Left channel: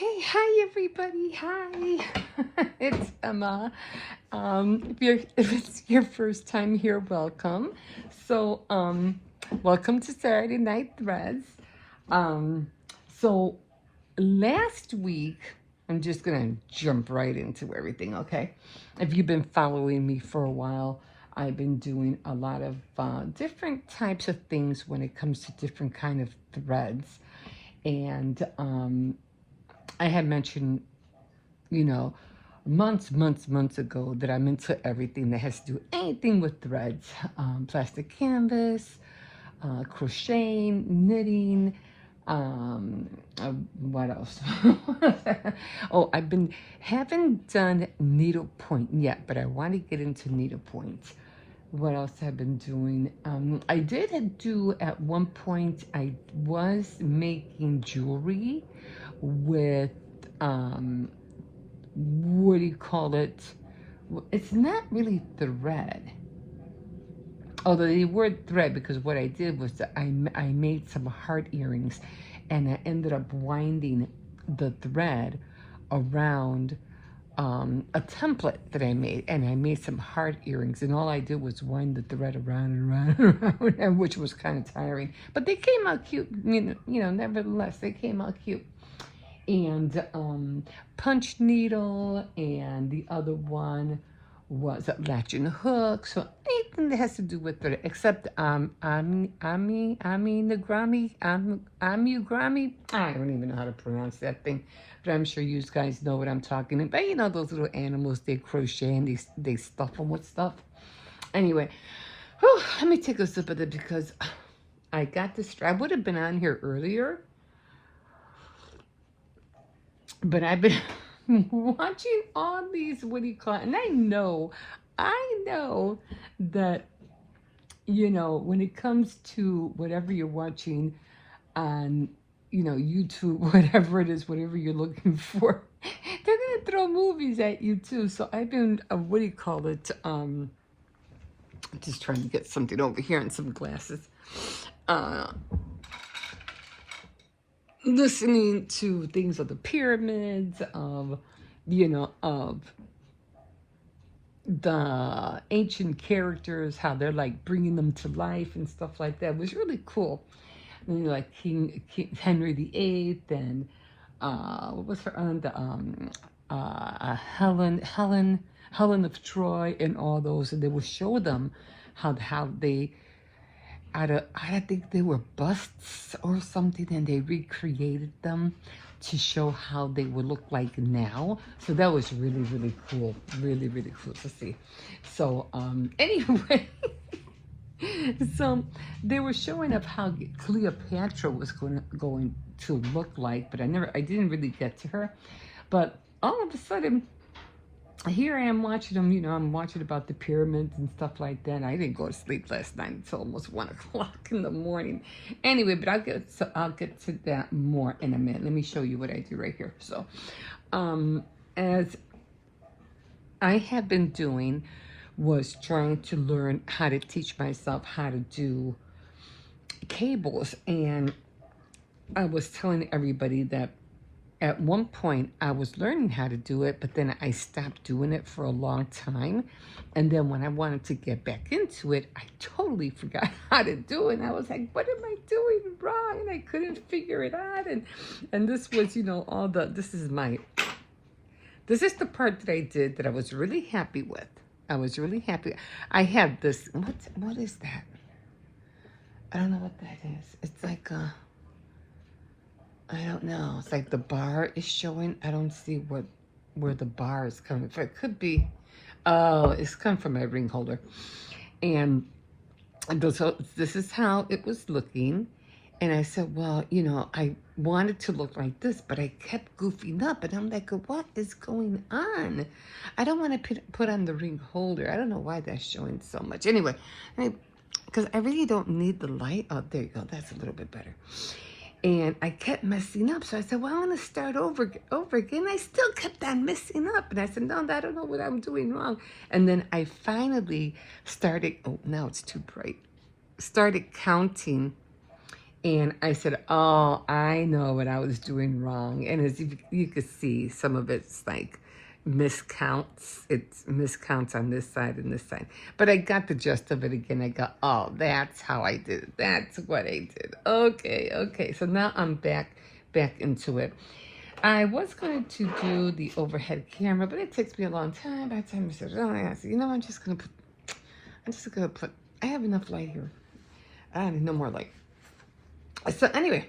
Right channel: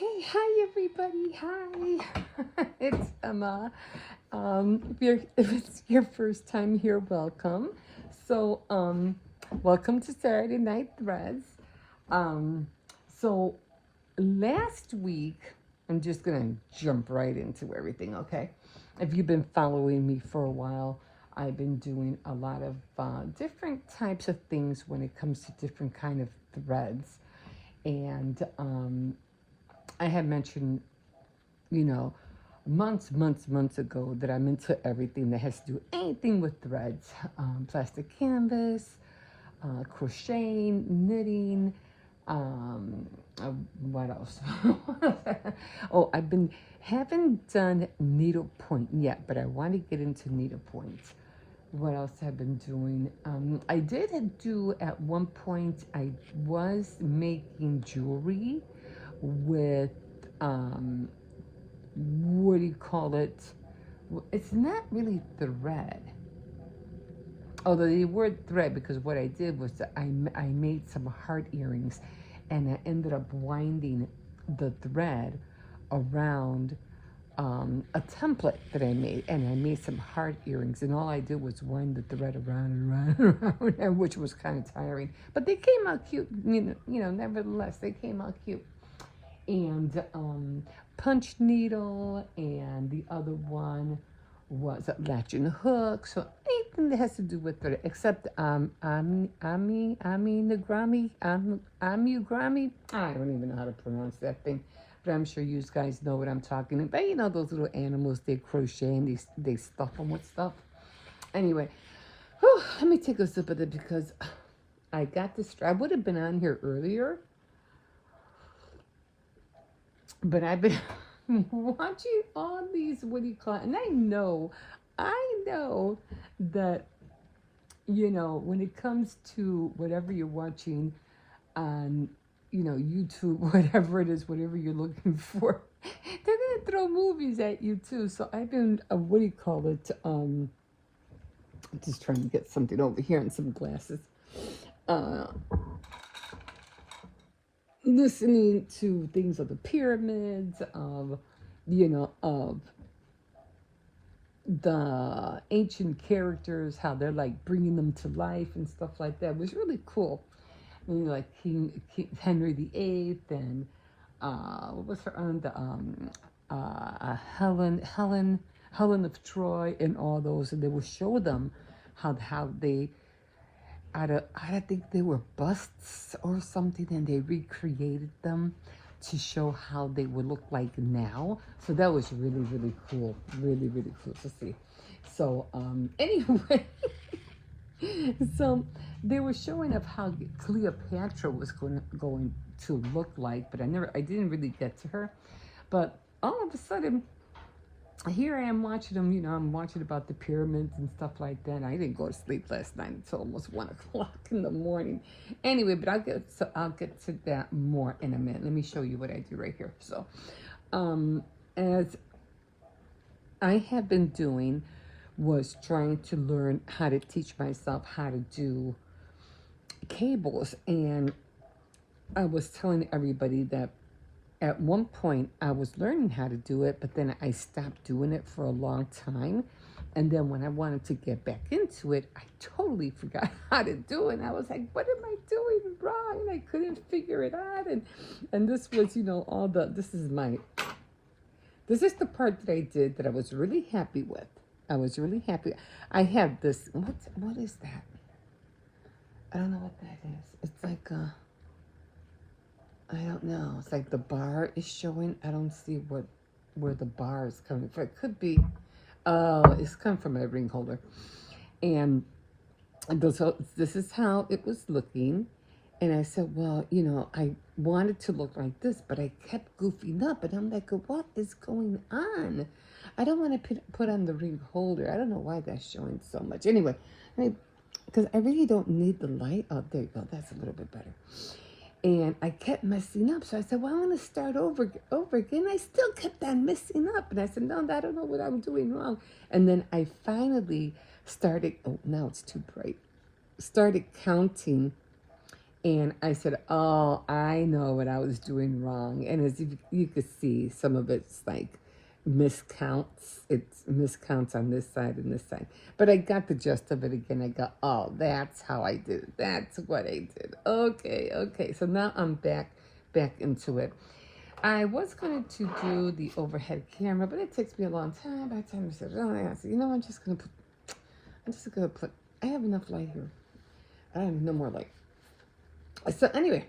Okay, hi everybody. Hi. It's Emma. If it's your first time here, welcome. So, welcome to Saturday Night Threads. Um, so last week, I'm just gonna jump right into everything, okay? If you've been following me for a while, I've been doing a lot of different types of things when it comes to different kind of threads. And I had mentioned, you know, months ago that I'm into everything that has to do anything with threads, plastic canvas, crocheting, knitting, um, uh, what else? Oh, haven't done needlepoint yet, but I want to get into needlepoint. What else I've been doing? I did do at one point, I was making jewelry with um, what do you call it? It's not really thread. Although the word thread, because what I did was that I made some heart earrings and I ended up winding the thread around a template that I made, and I made some heart earrings, and all I did was wind the thread around and around and around, which was kind of tiring, but they came out cute. Nevertheless, they came out cute. And punch needle, and the other one was a latch and hook. So anything that has to do with it, except Amigurumi. I don't even know how to pronounce that thing, but I'm sure you guys know what I'm talking about. You know those little animals they crochet and they stuff them with stuff. Anyway, let me take a sip of it because I got distracted. I would have been on here earlier, but I've been watching all these, what do you call it? And I know that, when it comes to whatever you're watching on, YouTube, whatever it is, whatever you're looking for, they're going to throw movies at you too. So I've been, what do you call it? Just trying to get something over here and some glasses. Uh, Listening to things of the pyramids, of the ancient characters, how they're like bringing them to life and stuff like that. It was really cool. Like King Henry VIII, and what was her own, the Helen of Troy, and all those, and they would show them how they I think they were busts or something, and they recreated them to show how they would look like now. So that was really cool, really cool to see. So anyway, so they were showing up how Cleopatra was going to look like, but I didn't really get to her. But all of a sudden, here I am watching them, I'm watching about the pyramids and stuff like that. I didn't go to sleep last night until almost 1 o'clock in the morning. Anyway, but I'll get to that more in a minute. Let me show you what I do right here. So, as I have been doing, was trying to learn how to teach myself how to do cables, and I was telling everybody that at one point I was learning how to do it, but then I stopped doing it for a long time. And then when I wanted to get back into it, I totally forgot how to do it. And I was like, what am I doing wrong? And I couldn't figure it out. And this was, this is the part that I did that I was really happy with. I was really happy. I had this, what is that? I don't know what that is. It's like I don't know. It's like the bar is showing. I don't see where the bar is coming from. It could be, oh, it's coming from my ring holder. And so this is how it was looking. And I said, well, I wanted to look like this, but I kept goofing up. And I'm like, what is going on? I don't want to put on the ring holder. I don't know why that's showing so much. Anyway, because I really don't need the light. Oh, there you go. That's a little bit better. And I kept messing up. So I said, well, I'm going to start over again. I still kept on messing up. And I said, no, I don't know what I'm doing wrong. And then I finally started, oh, now it's too bright, started counting And I said, oh, I know what I was doing wrong. And as you could see, some of it's like miscounts. It's miscounts on this side and this side. But I got the gist of it again. I got, oh, that's how I did it. That's what I did. Okay, okay. So now I'm back into it. I was going to do the overhead camera, but it takes me a long time. By the time I said, oh, I said, you know, I'm just gonna put, I have enough light here. I need no more light. So anyway,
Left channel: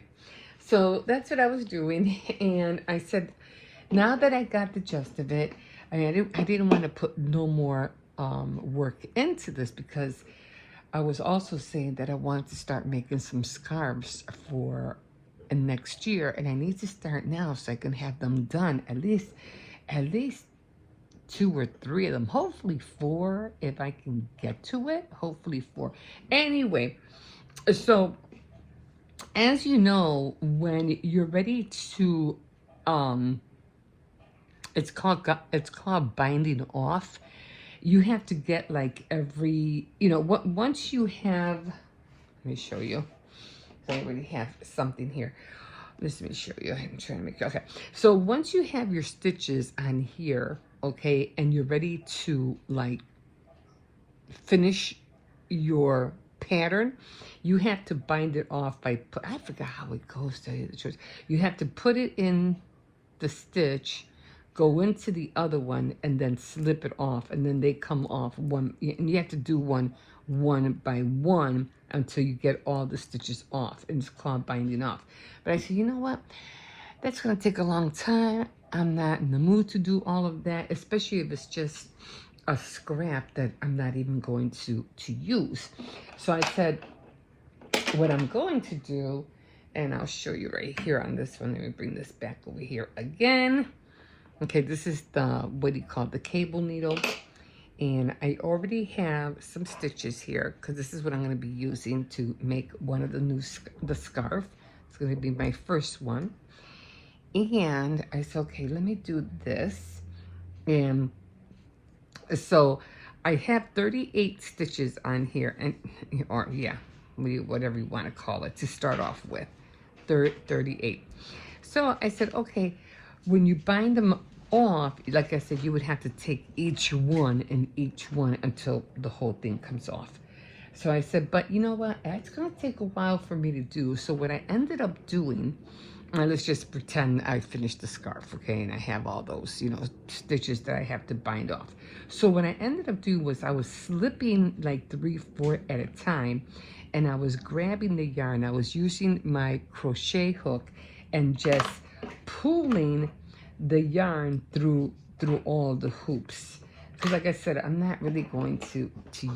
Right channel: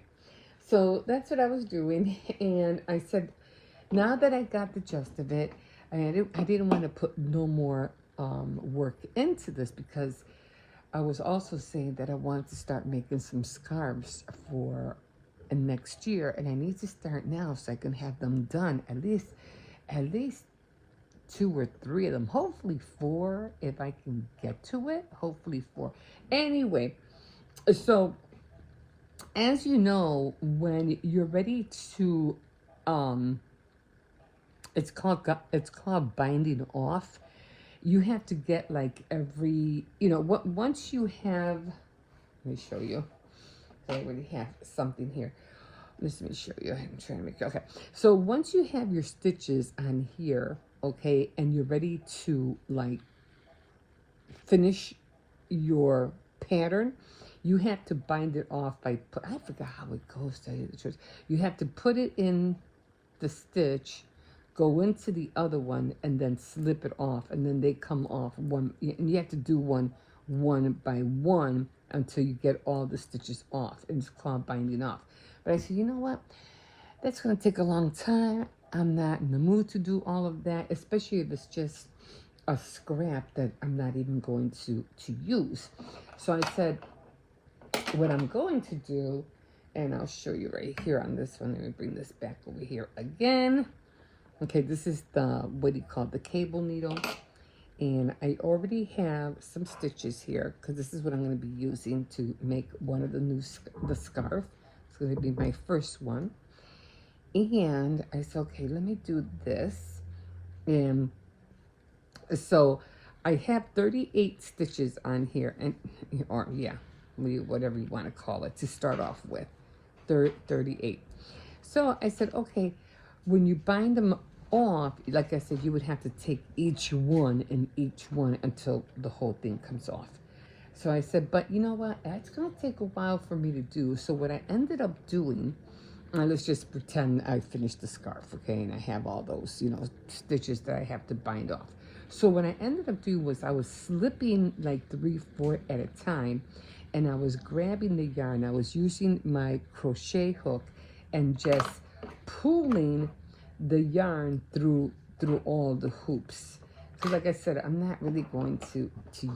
so that's what I was doing, and I said, now that I got the gist of it, I didn't want to put no more work into this, because I was also saying that I wanted to start making some scarves for next year, and I need to start now so I can have them done, at least 2 or 3 of them, hopefully 4 if I can get to it, hopefully 4. Anyway, so as you know, when you're ready to, it's called binding off. You have to get like every, once you have, let me show you. I already have something here. Let me show you. I'm trying to make, okay. So once you have your stitches on here, okay, and you're ready to like finish your pattern, you have to bind it off by, I forgot how it goes to the truth. You have to put it in the stitch, go into the other one, and then slip it off, and then they come off one, and you have to do one by one until you get all the stitches off, and it's called binding off. But I said, you know what? That's gonna take a long time. I'm not in the mood to do all of that, especially if it's just a scrap that I'm not even going to use. So I said, what I'm going to do, and I'll show you right here on this one. Let me bring this back over here again. Okay, this is the, what do you call it, the cable needle. And I already have some stitches here, because this is what I'm going to be using to make one of the scarf. It's going to be my first one. And I said, okay, let me do this. And so I have 38 stitches on here, and or yeah, whatever you want to call it, to start off with, 38. So I said, okay, when you bind them off, like I said, you would have to take each one until the whole thing comes off. So I said, but you know what, it's going to take a while for me to do. So what I ended up doing, let's just pretend I finished the scarf, okay, and I have all those, stitches that I have to bind off. So what I ended up doing was I was slipping like 3, 4 at a time, and I was grabbing the yarn. I was using my crochet hook and just pulling the yarn through all the hoops. Because like I said, I'm not really going to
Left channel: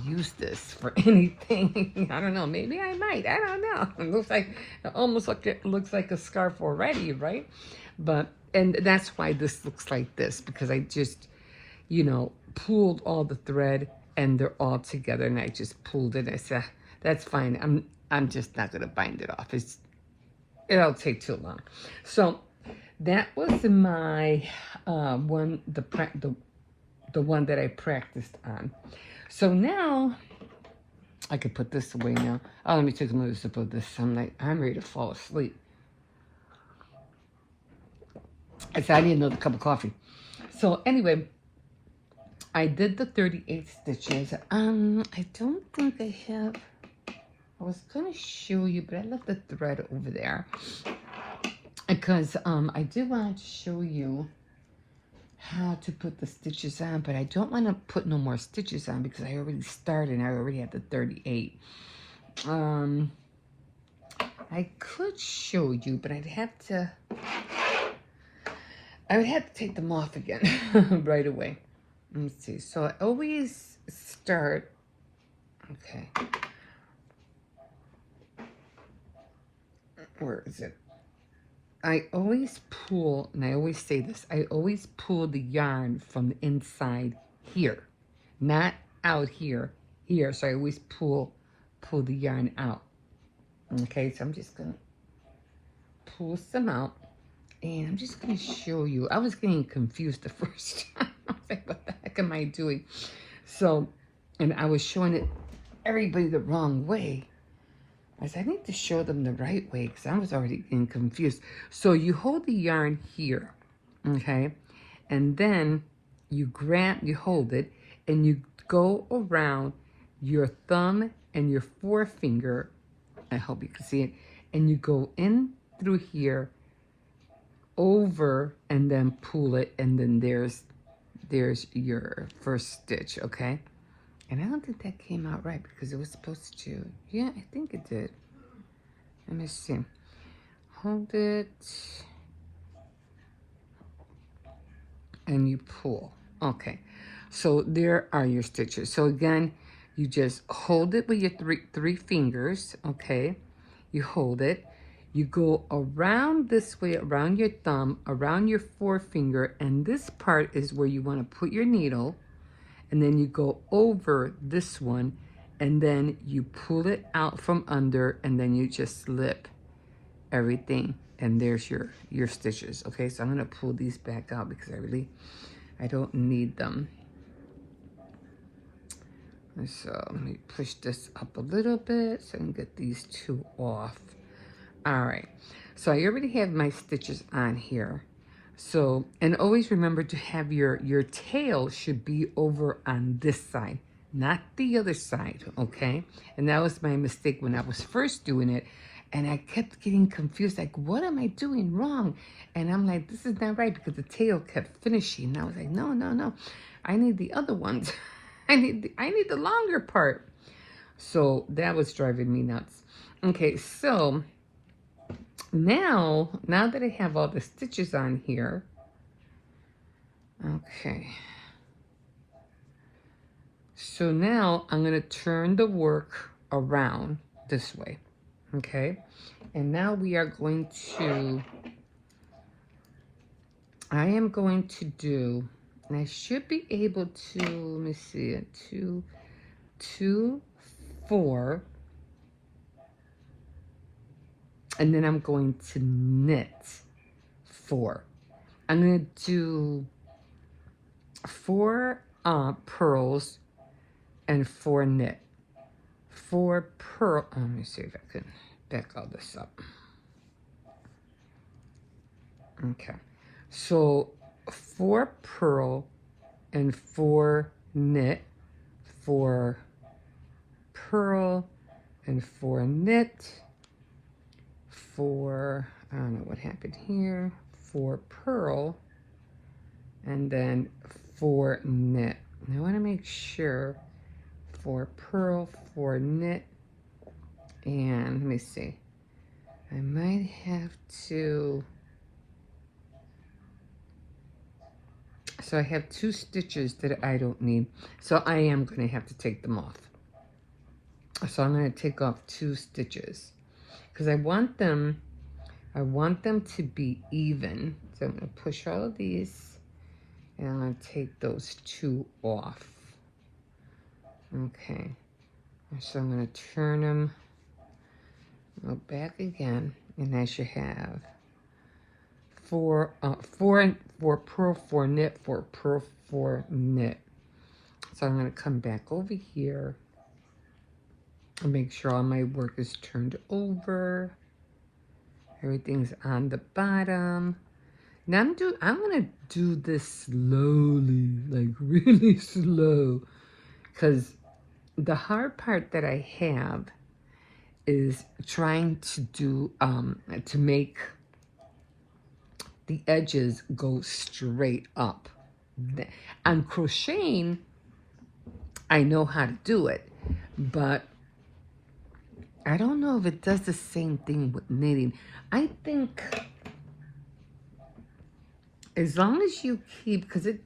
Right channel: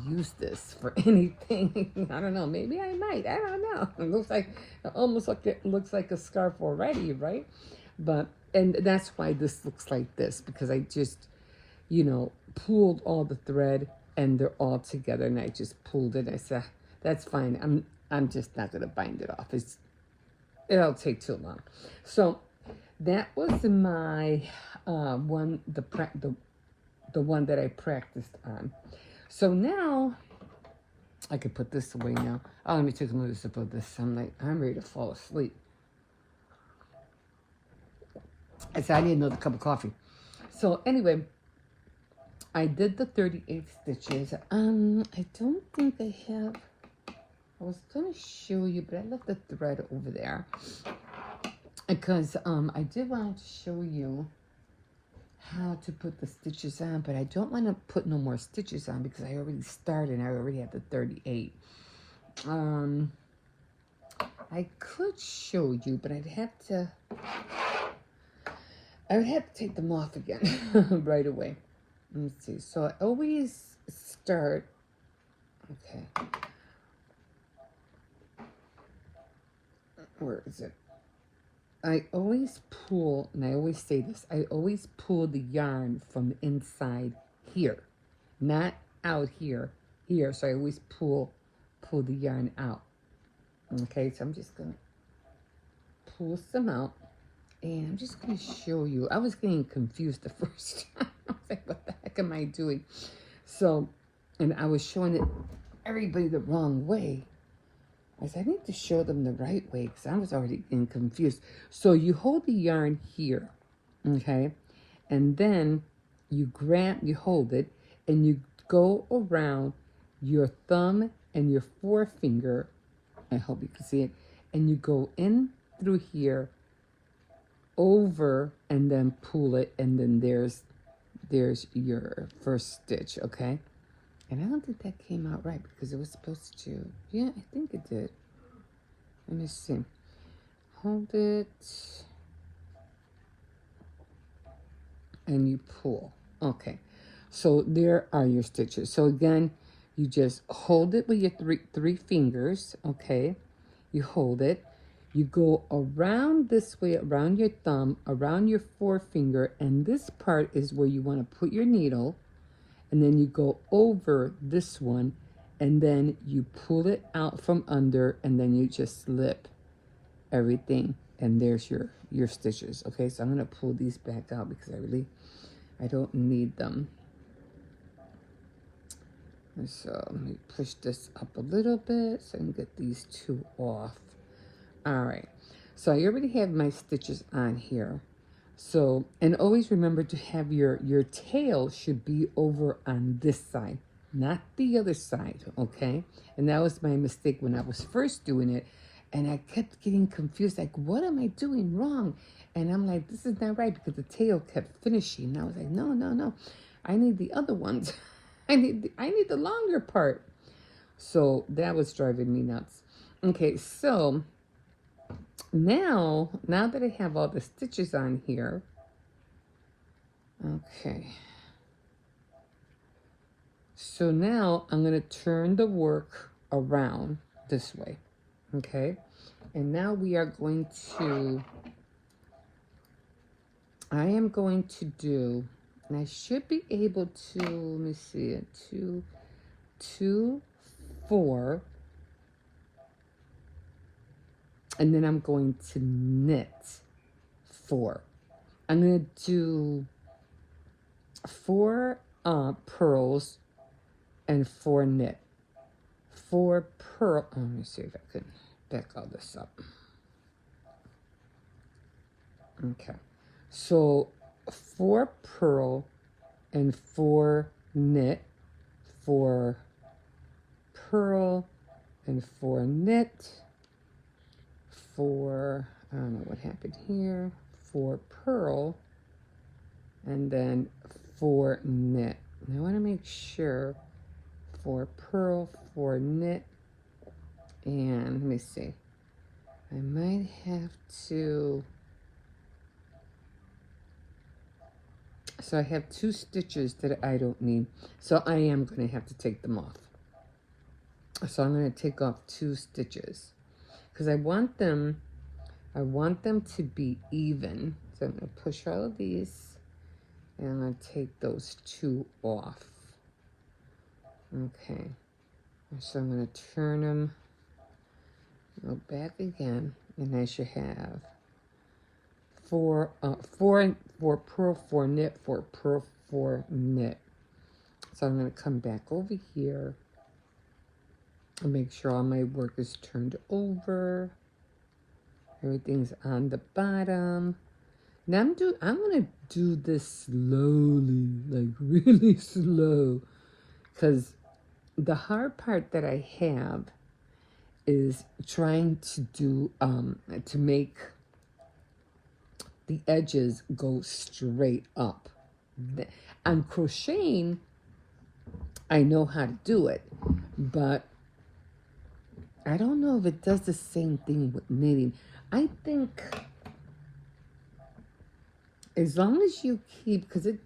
use this for anything. I don't know, maybe I might, I don't know. It looks like, it looks like a scarf already, right? But, and that's why this looks like this, because I just, pulled all the thread and they're all together, and I just pulled it. I said, that's fine, I'm just not gonna bind it off. It'll take too long. So that was my one, the one that I practiced on. So now I can put this away now. Oh, let me take another sip of this. I'm ready to fall asleep. I said I need another cup of coffee. So anyway, I did the 38 stitches. I don't think I have. I was gonna show you, but I left the thread over there because I did want to show you how to put the stitches on, but I don't want to put no more stitches on because I already started and I already had the 38. I could show you, but I would have to take them off again right away. Let me see. So I always start, okay. Where is it? I always pull, and I always say this, I always pull the yarn from the inside here, not out here, here. So I always pull the yarn out. Okay, so I'm just gonna pull some out, and I'm just gonna show you. I was getting confused the first time. I was like, what the heck am I doing? So, and I was showing it everybody the wrong way. I need to show them the right way because I was already getting confused. So you hold the yarn here, okay? And then you hold it, and you go around your thumb and your forefinger. I hope you can see it. And you go in through here, over, and then pull it, and then there's your first stitch, okay? And I don't think that came out right because it was supposed to. Yeah, I think it did. Let me see. Hold it. And you pull. Okay. So there are your stitches. So again, you just hold it with your three fingers, okay? You hold it. You go around this way, around your thumb, around your forefinger, and this part is where you want to put your needle. And then you go over this one, and then you pull it out from under, and then you just slip everything, and there's your stitches. Okay, so I'm gonna pull these back out because I don't need them. So let me push this up a little bit so I can get these two off. All right, so I already have my stitches on here. So, and always remember to have your tail should be over on this side, not the other side, okay? And that was my mistake when I was first doing it, and I kept getting confused, like, what am I doing wrong? And I'm like, this is not right, because the tail kept finishing. And I was like, no, I need the other ones. I need the longer part. So that was driving me nuts. Okay, so now that I have all the stitches on here, okay, so now I'm going to turn the work around this way, okay, and now we are going to, I am going to do, and I should be able to, let me see it, 2, 4, and then I'm going to knit 4. I'm going to do 4 pearls and 4 knit. 4 pearl, let me see if I can back all this up. Okay, so 4 pearl and 4 knit, 4 pearl and 4 knit, 4, I don't know what happened here, 4 pearl, and then 4 knit. Now I want to make sure 4 pearl, 4 knit, and let me see, I might have to, so I have 2 stitches that I don't need, so I am going to have to take them off. So I'm going to take off 2 stitches because I want them to be even. So I'm going to push all of these, and I'm going to take those 2 off. Okay, so I'm going to turn them, go back again, and I should have 4 pearl, 4 knit, 4 pearl, 4 knit. So I'm going to come back over here and make sure all my work is turned over. Everything's on the bottom. Now I'm going to do this slowly, like really slow, because the hard part that I have is trying to do, to make the edges go straight up. On crocheting, I know how to do it, but I don't know if it does the same thing with knitting. I think as long as you keep, because it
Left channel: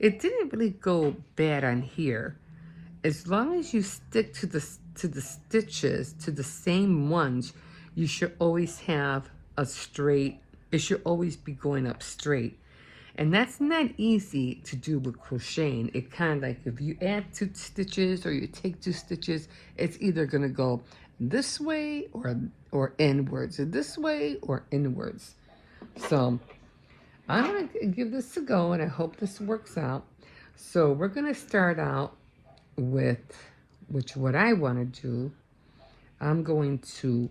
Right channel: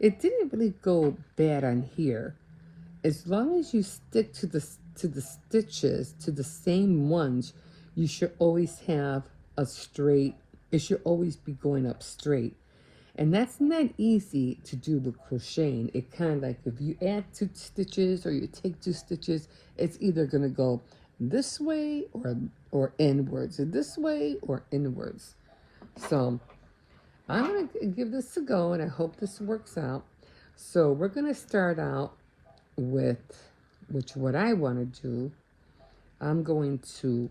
didn't really go bad on here, as long as you stick to the stitches, to the same ones, you should always have a straight, it should always be going up straight. And that's not easy to do with crocheting. It kind of like, if you add 2 stitches or you take 2 stitches, it's either going to go this way or inwards, or this way or inwards. So I'm going to give this a go, and I hope this works out. So we're going to start out with, which what I want to do, I'm going to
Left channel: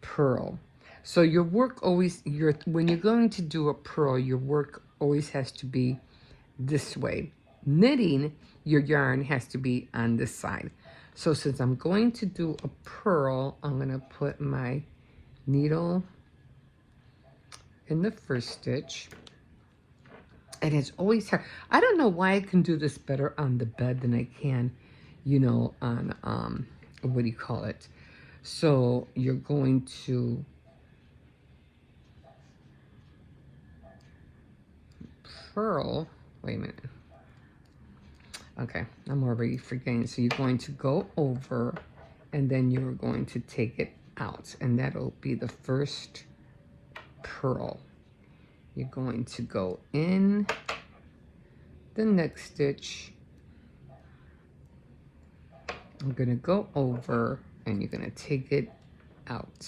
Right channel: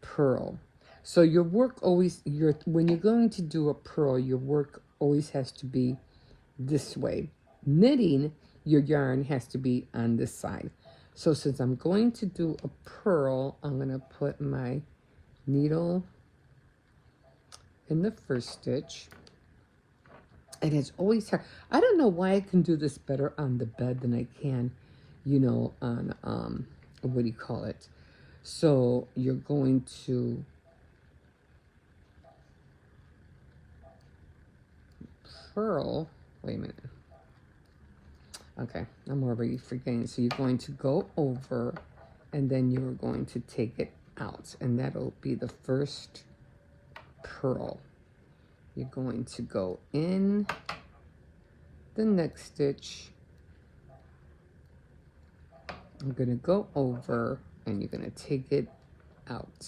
purl. So your work always, when you're going to do a purl, your work always has to be this way. Knitting, your yarn has to be on this side. So since I'm going to do a purl, I'm going to put my needle in the first stitch. And it's always hard. I don't know why I can do this better on the bed than I can, you know, on, what do you call it? So you're going to purl, wait a minute. Okay, I'm already forgetting. So you're going to go over and then you're going to take it out, and that'll be the first purl. You're going to go in the next stitch. I'm going to go over and you're going to take it out.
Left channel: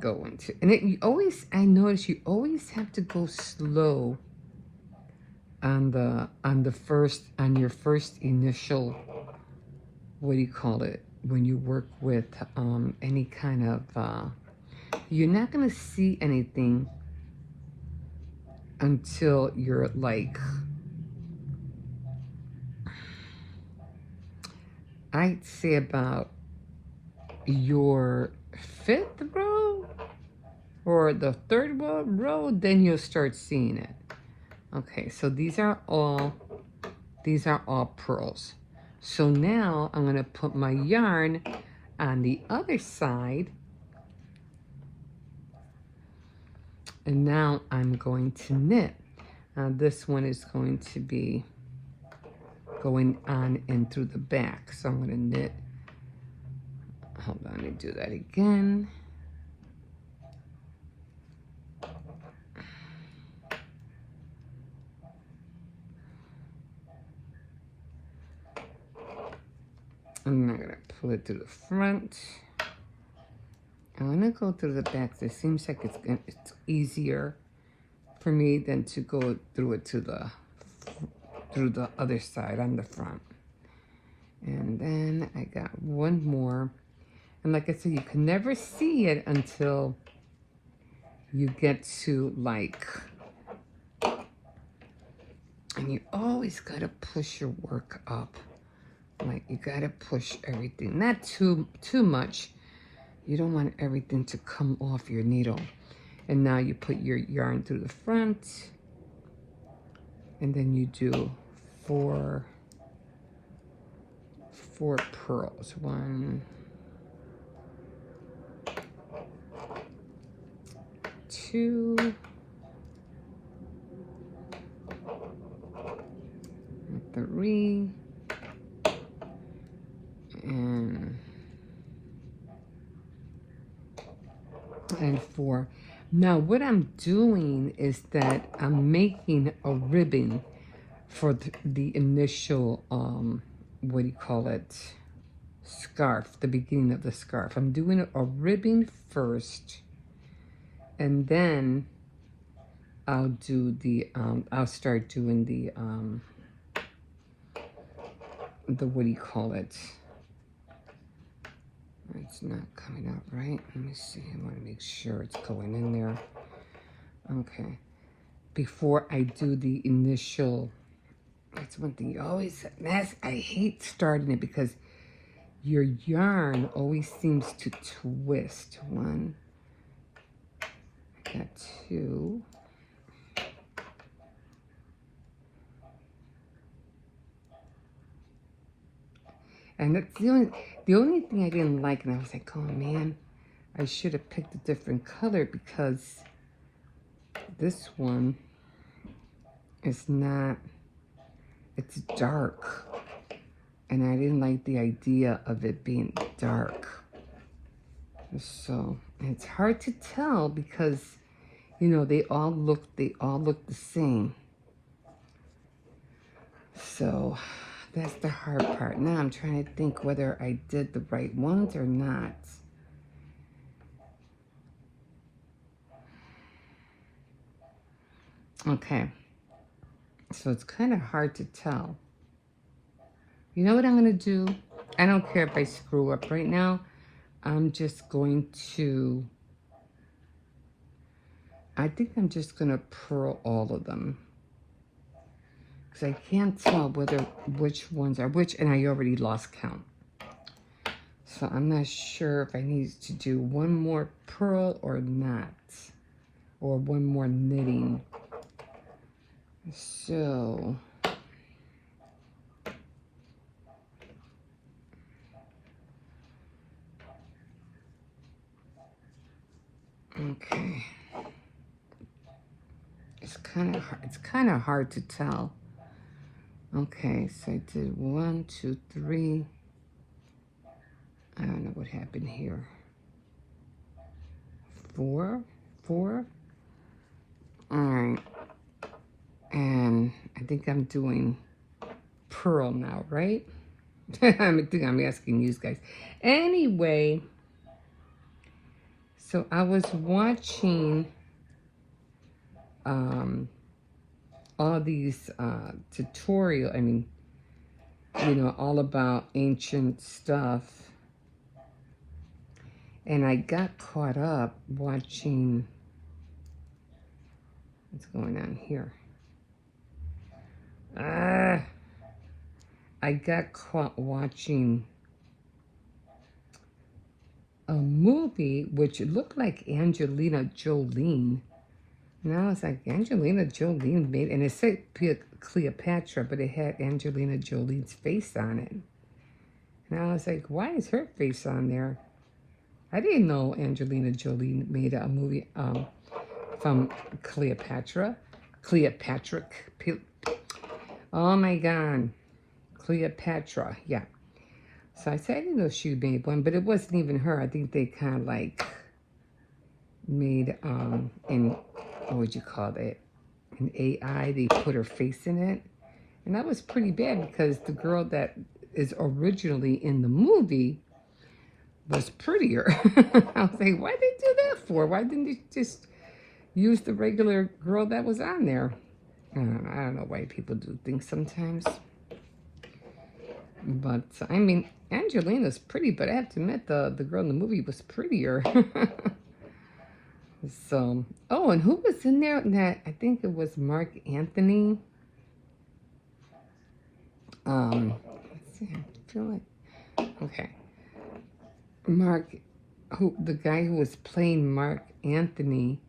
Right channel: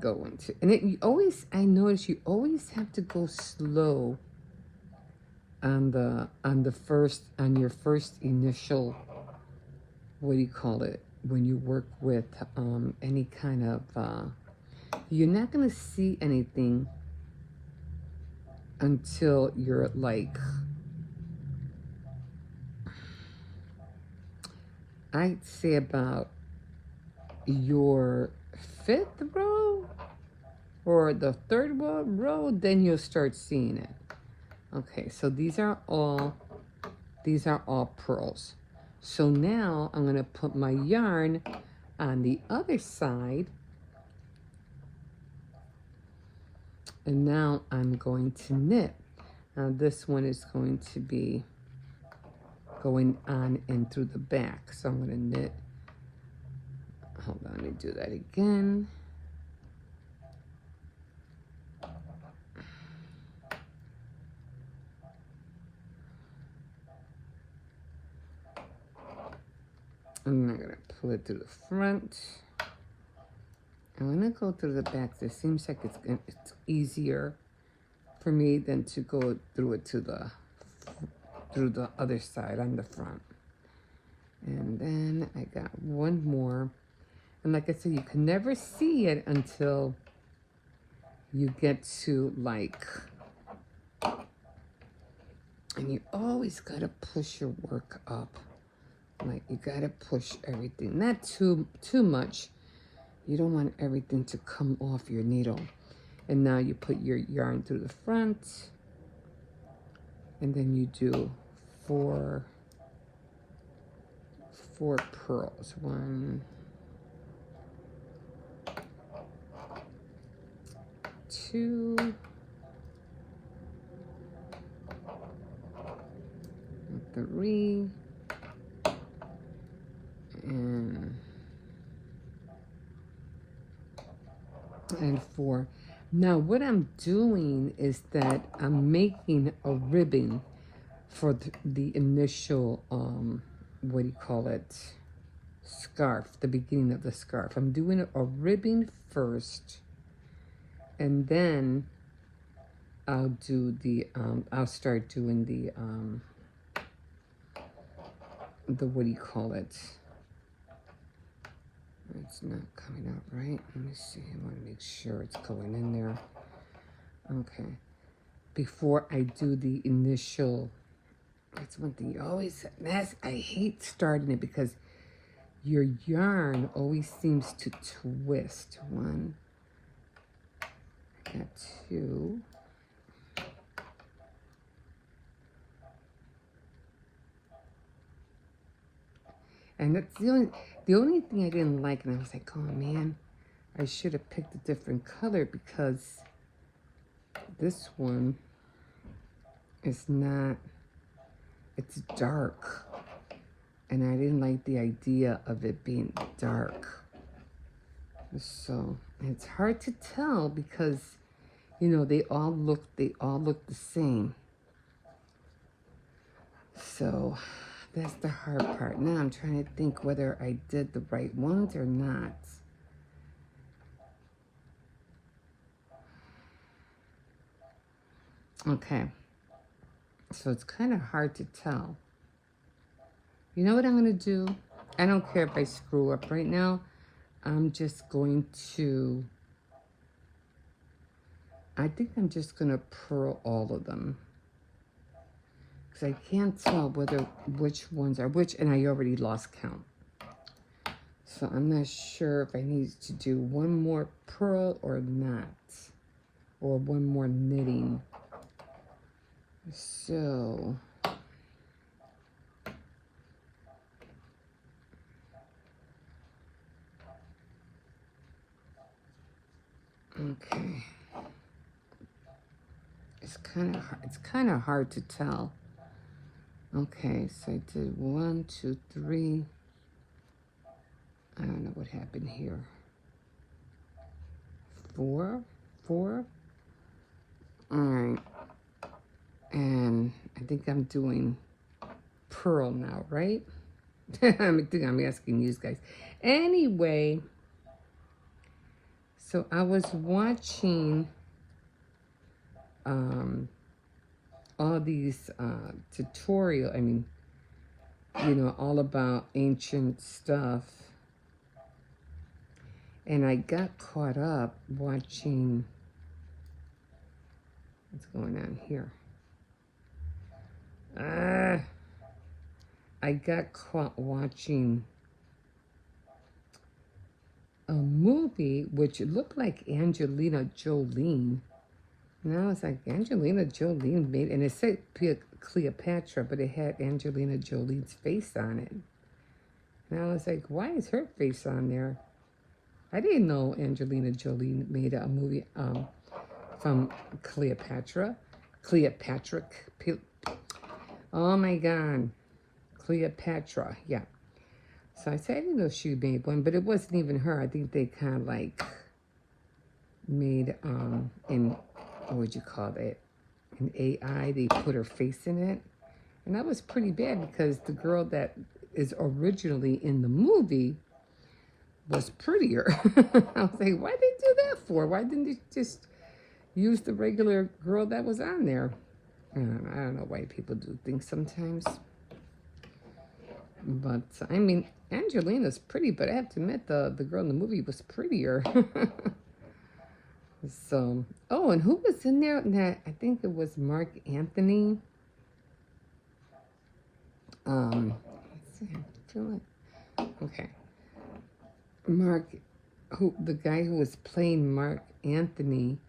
Go into, and you always, I notice you always have to go slow on your first initial, what do you call it, when you work with any kind of you're not going to see anything until you're like, I'd say about your 5th row or the 3rd row, then you'll start seeing it. Okay, so these are all purls. So now I'm going to put my yarn on the other side, and now I'm going to knit. This one is going to be going on and through the back, so I'm going to knit. Hold on, let me do that again. I'm not going to pull it to the front. I'm going to go through the back. It seems like it's easier for me than to go through it through the other side on the front. And then I got one more. And like I said, you can never see it until you get to like, and you always got to push your work up. Like you got to push everything, not too much. You don't want everything to come off your needle. And now you put your yarn through the front, and then you do four purls. 1, 2, 3, and 4. Now what I'm doing is that I'm making a ribbon for the initial, what do you call it, scarf, the beginning of the scarf. I'm doing a ribbon first, and then I'll do the, I'll start doing the what do you call it? It's not coming out right. Let me see. I want to make sure it's going in there. Okay. Before I do the initial, that's one thing you always, I hate starting it because your yarn always seems to twist. 1, got 2. And that's the only thing I didn't like, and I was like, oh man, I should have picked a different color because this one is not, it's dark. And I didn't like the idea of it being dark. So it's hard to tell because, you know, they all look the same. So that's the hard part. Now I'm trying to think whether I did the right ones or not. Okay. So it's kind of hard to tell. You know what I'm going to do? I don't care if I screw up right now. I'm just going to, I think I'm just going to purl all of them. Because I can't tell which ones are which, and I already lost count. So I'm not sure if I need to do one more purl or not. Or one more knitting. So, okay. It's kind of hard to tell. Okay, so I did 1, 2, 3. I don't know what happened here. 4. All right. And I think I'm doing purl now, right? I think I'm asking you guys. Anyway, so I was watching all these tutorial, all about ancient stuff. And I got caught up watching, what's going on here? I got caught watching a movie which looked like Angelina Jolie. And I was like, Angelina Jolie made, and it said Cleopatra, but it had Angelina Jolie's face on it. And I was like, why is her face on there? I didn't know Angelina Jolie made a movie from Cleopatra. Oh my God. Cleopatra, yeah. So I said, I didn't know she made one, but it wasn't even her. I think they kind of like made, what would you call it? An AI, they put her face in it. And that was pretty bad because the girl that is originally in the movie was prettier. I was like, why did they do that for? Why didn't they just use the regular girl that was on there? I don't know why people do things sometimes. But, I mean, Angelina's pretty, but I have to admit the girl in the movie was prettier. So, oh, and who was in there? That I think it was Mark Anthony. Let's see, I feel like, okay. The guy who was playing Mark Anthony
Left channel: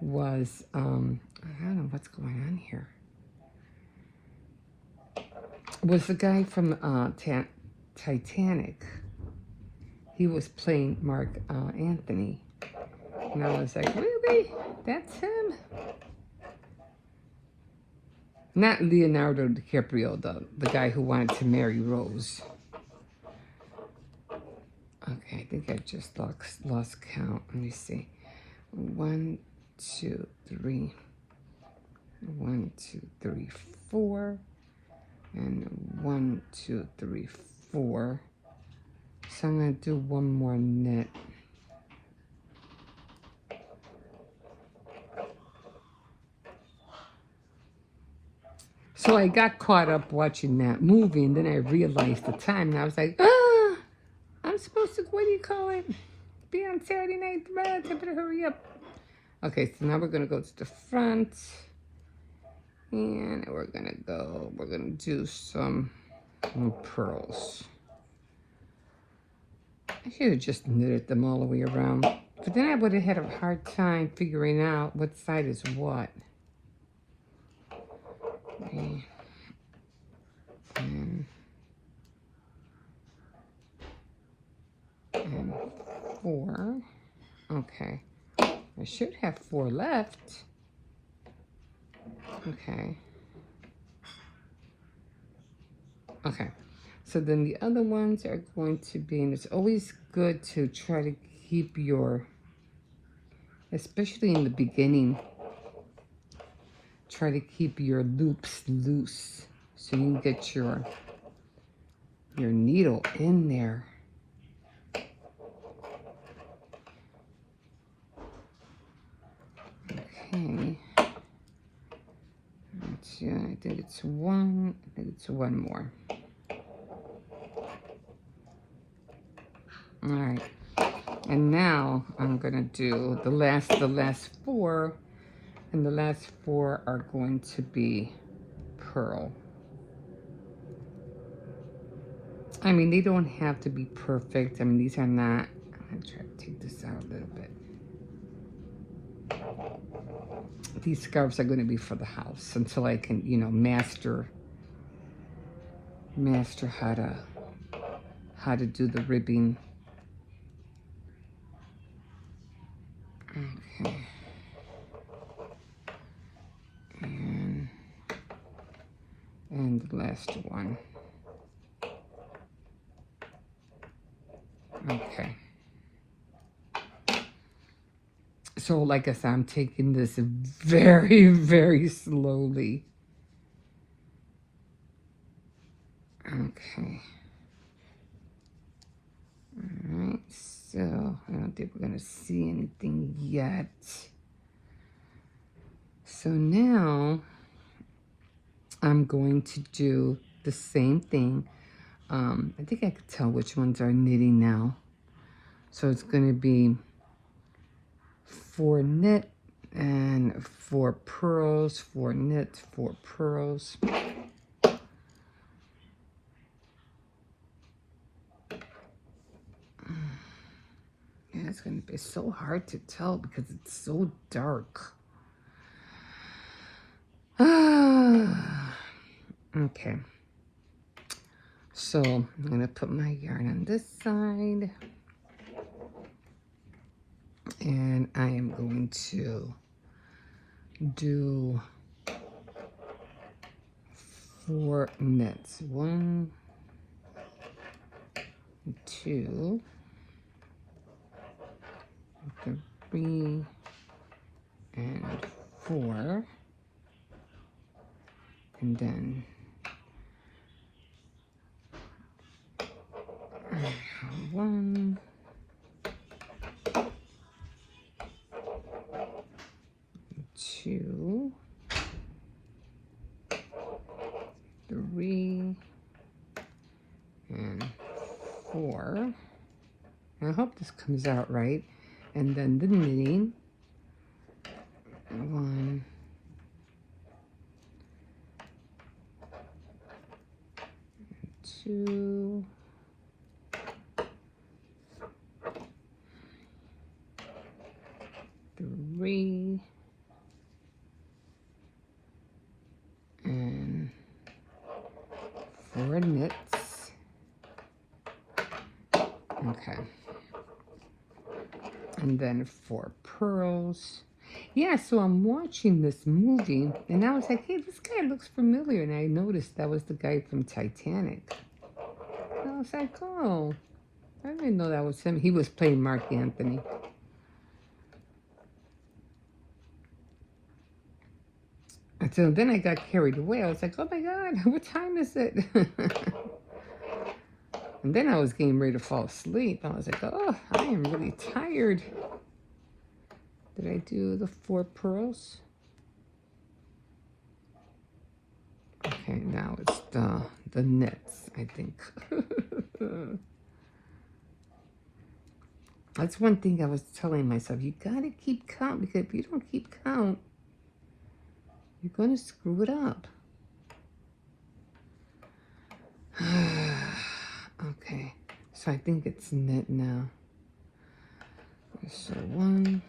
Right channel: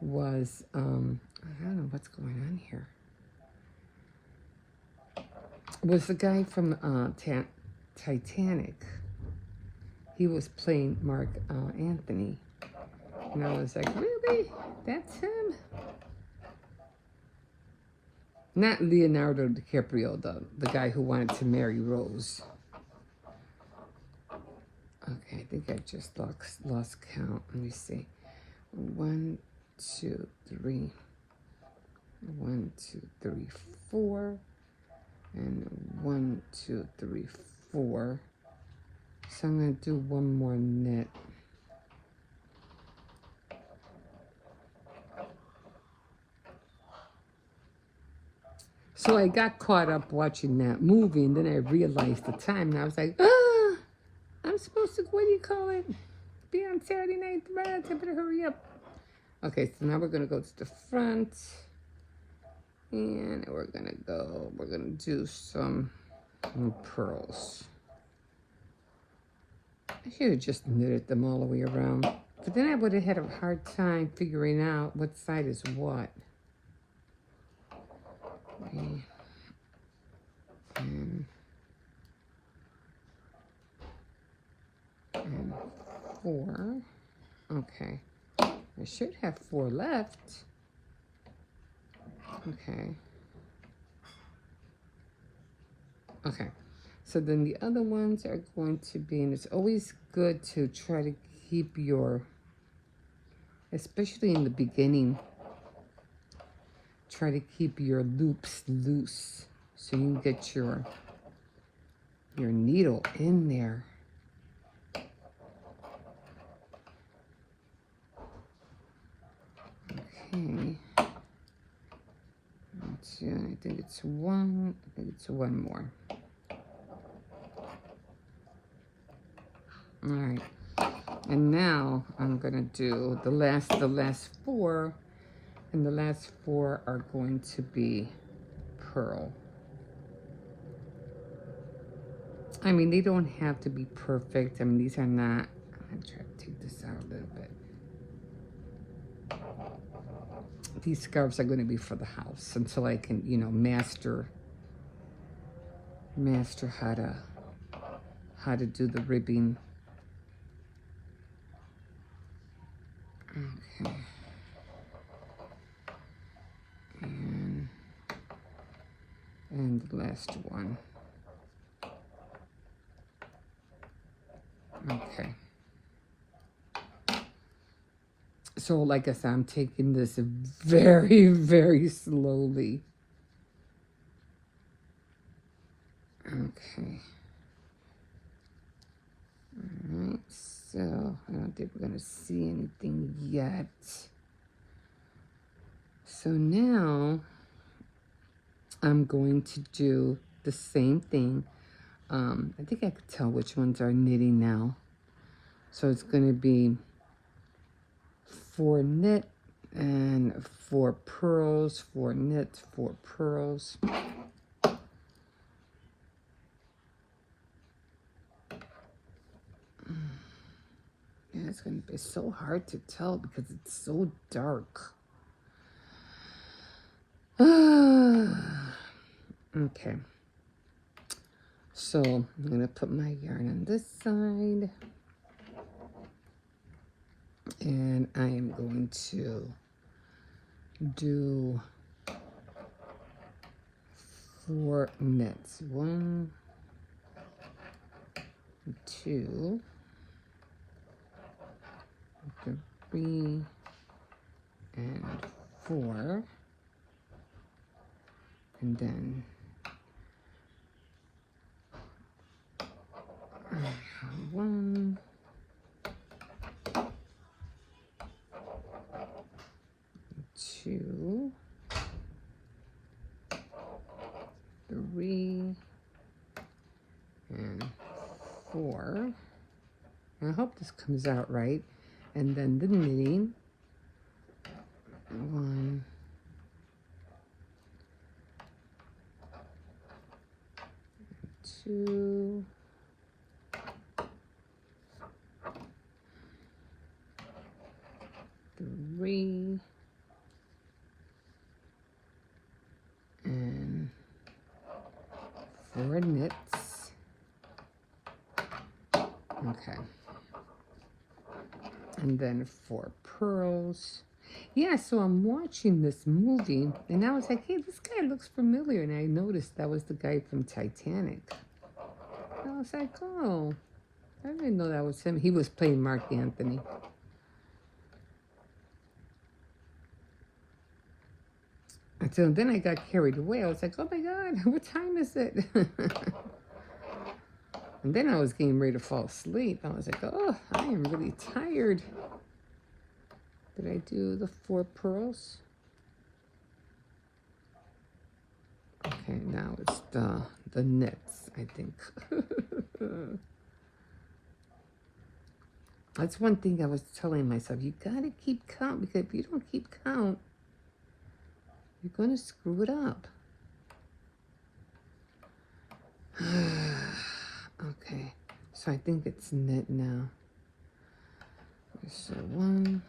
was, I don't know what's going on here. Was the guy from Titanic. He was playing Mark Anthony. And I was like, really? That's him? Not Leonardo DiCaprio, the guy who wanted to marry Rose. Okay, I think I just lost count. Let me see. 1, 2, 3. 1, 2, 3, 4. And 1, 2, 3, 4. So I'm going to do one more knit. So I got caught up watching that movie, and then I realized the time, and I was like, I'm supposed to, what do you call it? Be on Saturday night, I better hurry up. Okay, so now we're going to go to the front, and we're going to do some pearls. I should have just knitted them all the way around, but then I would have had a hard time figuring out what side is what. Okay. And 4. Okay. I should have 4 left. Okay. Okay. So then the other ones are going to be, and it's always good to try to keep your, especially in the beginning, try to keep your loops loose so you can get your needle in there. Okay. I think it's one more. All right. And now I'm gonna do the last 4, and the last 4 are going to be pearl. I mean, they don't have to be perfect. I mean, these are not. I'm gonna try to take this out a little bit. These scarves are going to be for the house until I can, you know, master how to do the ribbing. Okay. And the last one. Okay. So like I said, I'm taking this very, very slowly. Okay. Alright, so I don't think we're going to see anything yet. So now I'm going to do the same thing. I think I can tell which ones are knitting now. So it's going to be 4 knit and 4 pearls, 4 knit, 4 pearls. Yeah, it's going to be so hard to tell because it's so dark. Okay. So I'm going to put my yarn on this side. And I am going to do 4 knits. 1, 2, 3, and 4. And then 1, 2, 3, and 4. I hope this comes out right. And then the knitting. 1, 2, 3, and 4 knits. Okay. And then 4 pearls. Yeah, so I'm watching this movie, and I was like, hey, this guy looks familiar. And I noticed that was the guy from Titanic. And I was like, oh, I didn't know that was him. He was playing Mark Anthony. And so then I got carried away. I was like, oh my God, what time is it? And then I was getting ready to fall asleep. I was like, oh, I am really tired. Did I do the 4 pearls? Okay, now it's the knits, I think. That's one thing I was telling myself. You gotta keep count, because if you don't keep count, you're gonna screw it up. Okay, so I think it's knit now. So 1,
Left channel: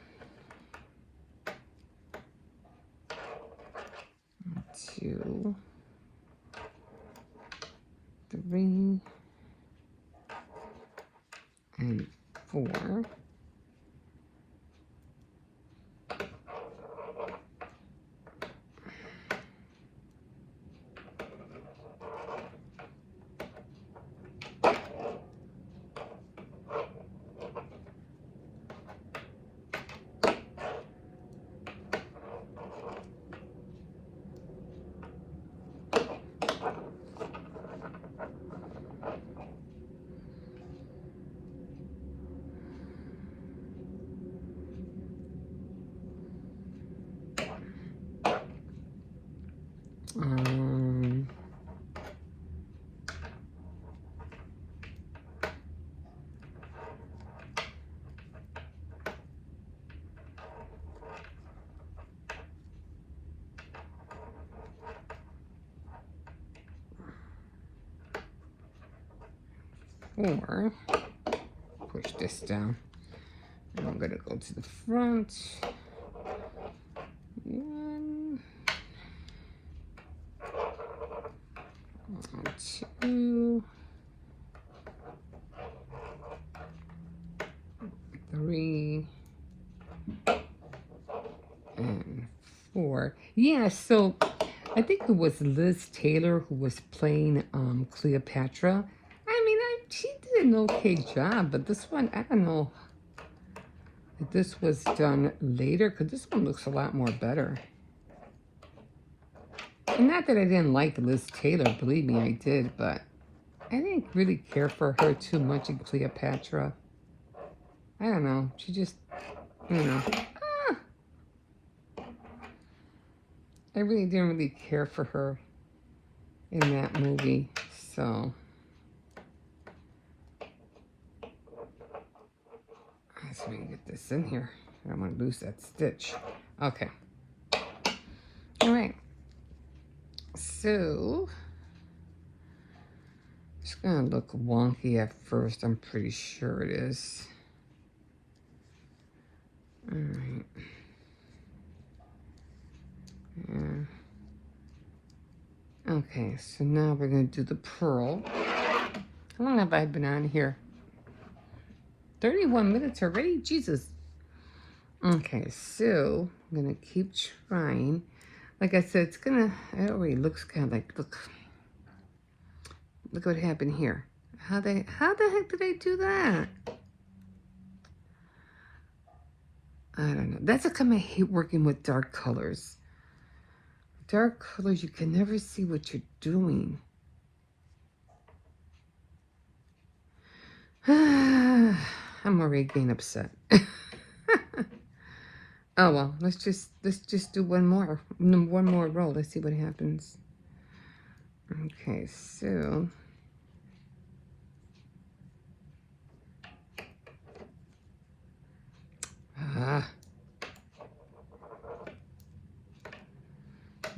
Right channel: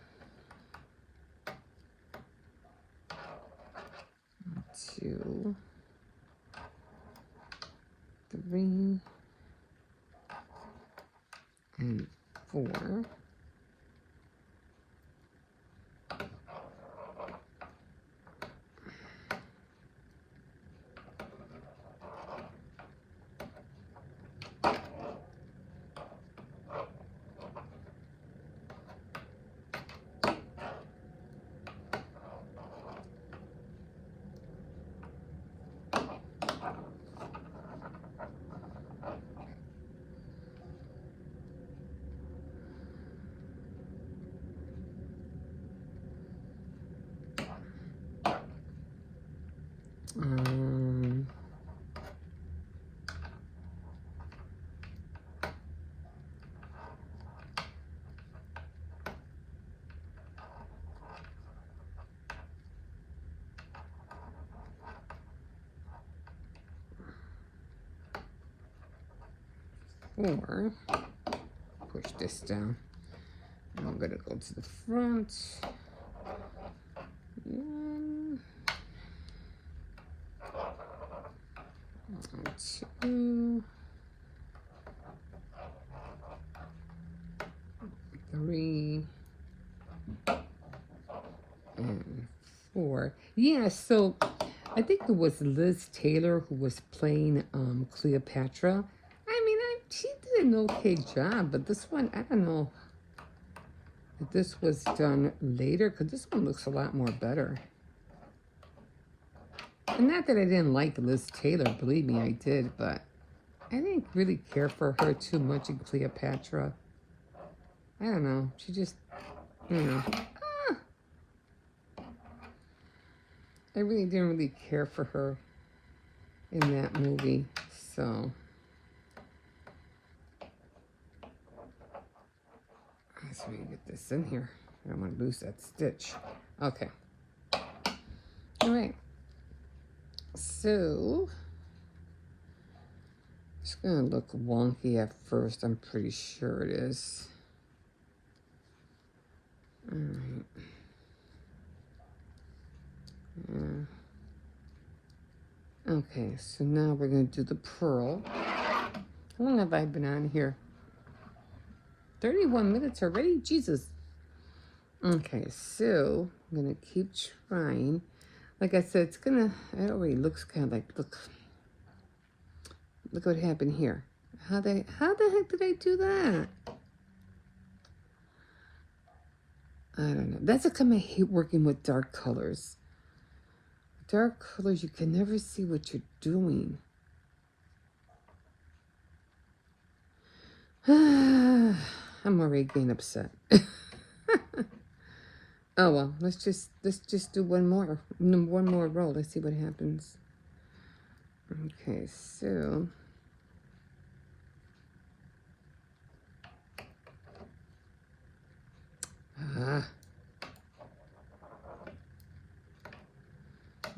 2, 3, and 4. 4. Push this down. And I'm going to go to the front. 1, 2, 3, and 4. Yeah, so I think it was Liz Taylor who was playing Cleopatra. I mean, she did an okay job, but this one, I don't know if this was done later, because this one looks a lot more better. And not that I didn't like Liz Taylor, believe me, I did, but I didn't really care for her too much in Cleopatra. I don't know, she just, I don't know. I really didn't really care for her in that movie, so. Let's see if we can get this in here. I don't want to lose that stitch. Okay. All right. So, it's going to look wonky at first. I'm pretty sure it is. All right. Yeah. Okay, so now we're going to do the pearl. How long have I been on here? 31 minutes already? Jesus. Okay, so I'm going to keep trying. Like I said, it's going to, it already looks kind of like, look what happened here. How the heck did I do that? I don't know. That's how come I hate working with dark colors. Dark colors, you can never see what you're doing. I'm already getting upset. Oh well, let's just do one more row. Let's see what happens. Okay, so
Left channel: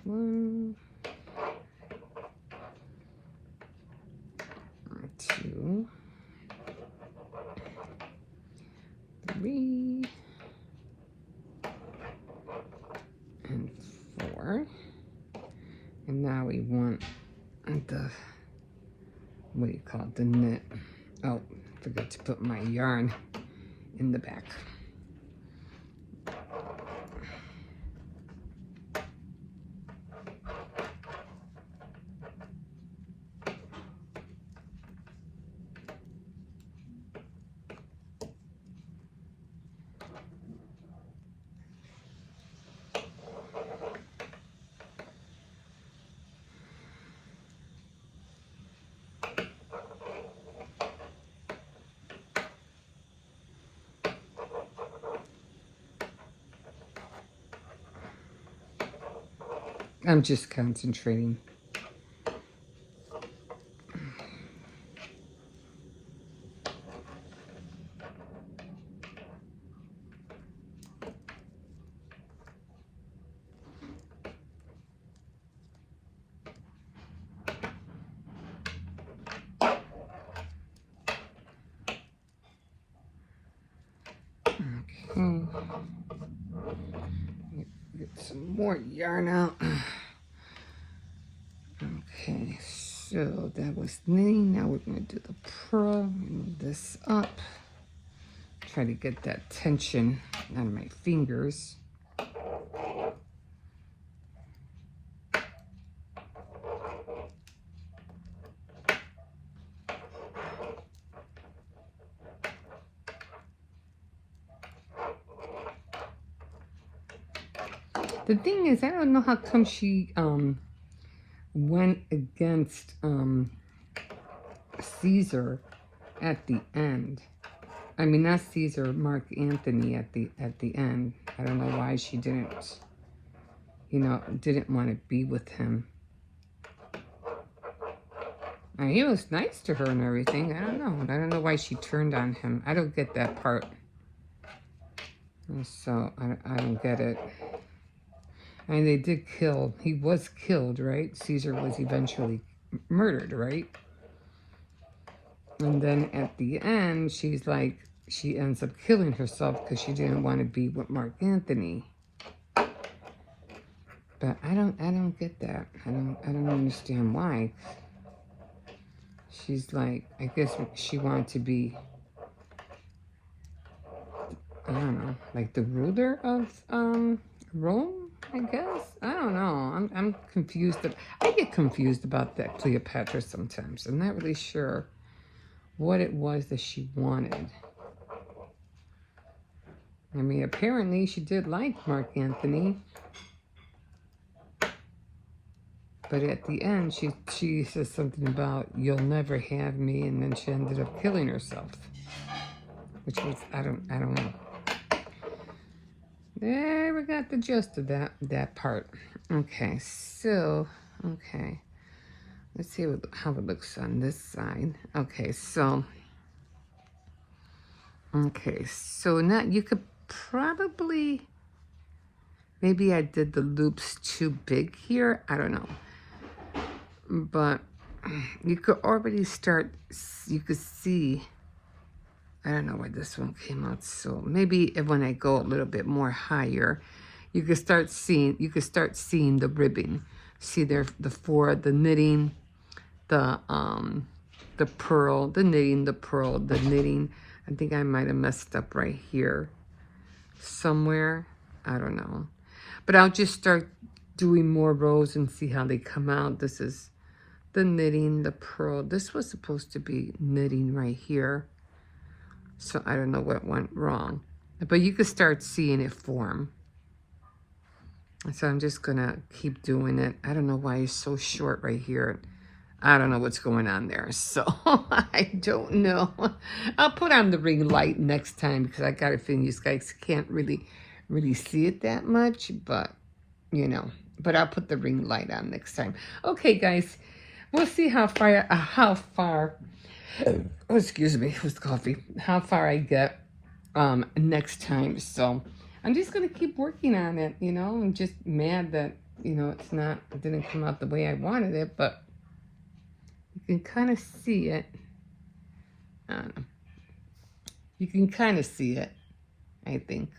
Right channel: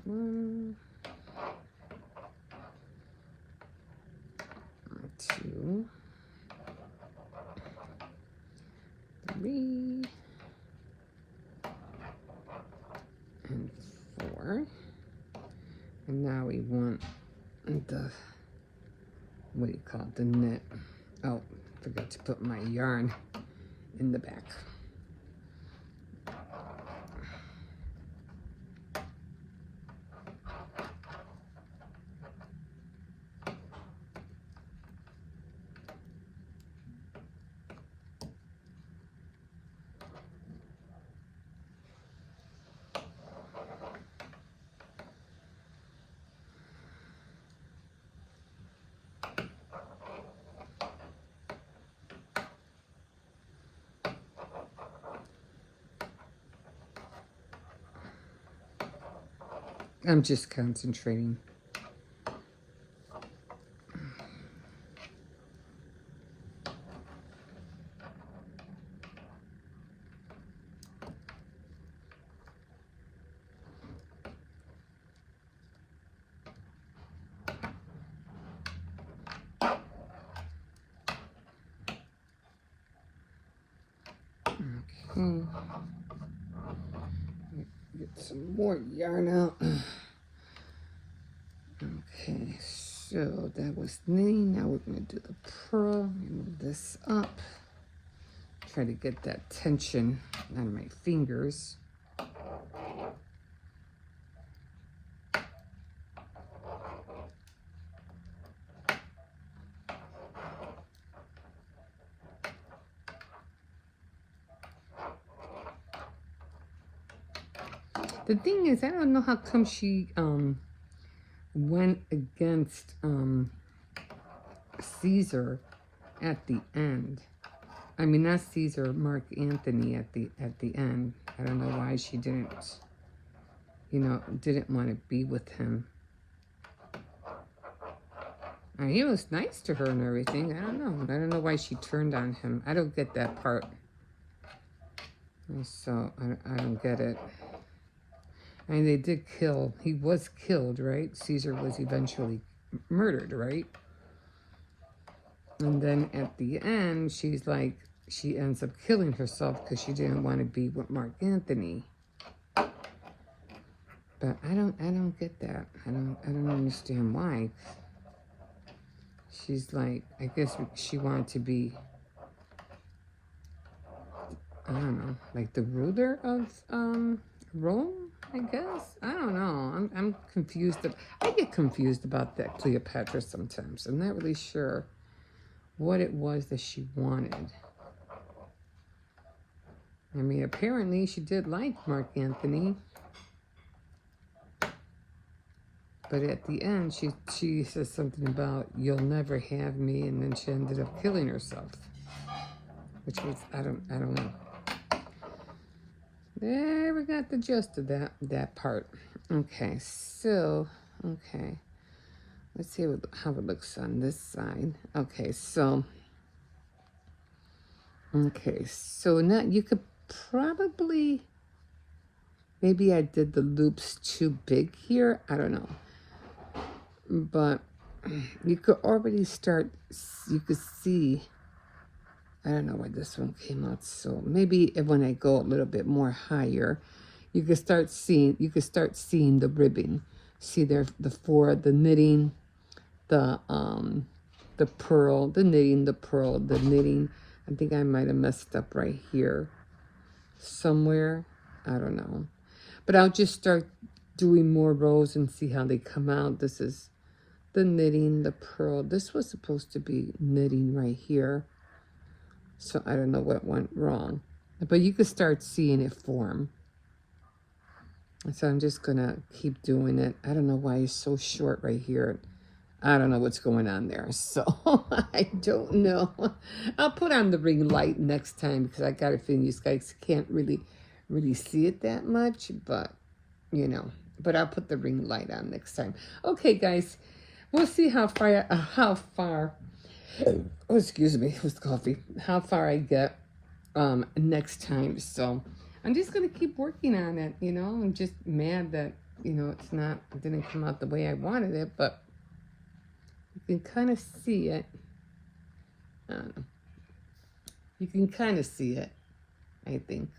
one, 2, 3, and 4. And now we want the, what do you call it, the knit. Oh, forgot to put my yarn in the back. I'm just concentrating. Get some more yarn out. Okay, so that was knitting. Now we're going to do the pearl. Move this up. Try to get that tension out of my fingers. The thing is, I don't know how come she went against Caesar at the end. I mean, not Caesar, Mark Antony at the end. I don't know why she didn't, you know, didn't want to be with him. And he was nice to her and everything. I don't know. I don't know why she turned on him. I don't get that part. So I don't get it. And they did kill, he was killed, right? Caesar was eventually murdered, right? And then at the end, she's like, she ends up killing herself because she didn't want to be with Mark Anthony. But I don't get that. I don't understand why. She's like, I guess she wanted to be, I don't know, like the ruler of Rome, I guess. I don't know. I'm confused. I get confused about that Cleopatra sometimes. I'm not really sure what it was that she wanted. I mean, apparently she did like Mark Anthony. But at the end, she says something about, you'll never have me, and then she ended up killing herself. Which was, I don't know. There we got the gist of that part. Okay, so, okay. Let's see how it looks on this side. Okay, so now you could probably, maybe I did the loops too big here. I don't know. But you could already start, you could see, I don't know why this one came out, so maybe when I go a little bit more higher, you could start seeing the ribbing. See there, the knitting, the pearl, the knitting, the pearl, the knitting. I think I might have messed up right here somewhere. I don't know. But I'll just start doing more rows and see how they come out. This is the knitting, the pearl. This was supposed to be knitting right here. So I don't know what went wrong. But you could start seeing it form. So I'm just gonna keep doing it. I don't know why it's so short right here. I don't know what's going on there. So I don't know. I'll put on the ring light next time because I got a feeling you guys can't really see it that much. But, you know, but I'll put the ring light on next time. Okay, guys. We'll see how far, oh, excuse me, with coffee, how far I get next time. So I'm just going to keep working on it, you know. I'm just mad that, you know, it didn't come out the way I wanted it, but you can kind of see it. I don't know. You can kind of see it, I think.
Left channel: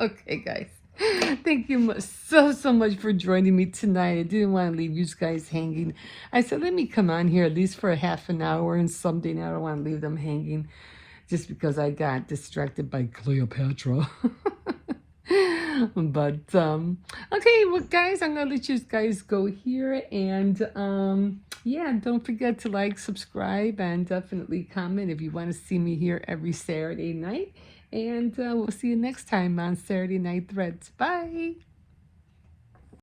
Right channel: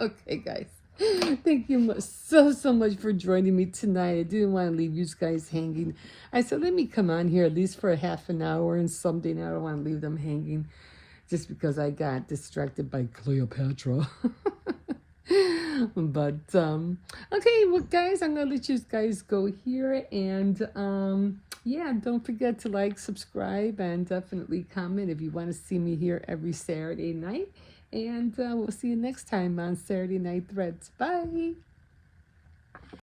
Okay, guys. Thank you so much for joining me tonight. I didn't want to leave you guys hanging. I said, let me come on here at least for a half an hour and something. I don't want to leave them hanging just because I got distracted by Cleopatra. But, okay, well, guys, I'm going to let you guys go here. And, yeah, don't forget to like, subscribe, and definitely comment if you want to see me here every Saturday night. And we'll see you next time on Saturday Night Threads. Bye.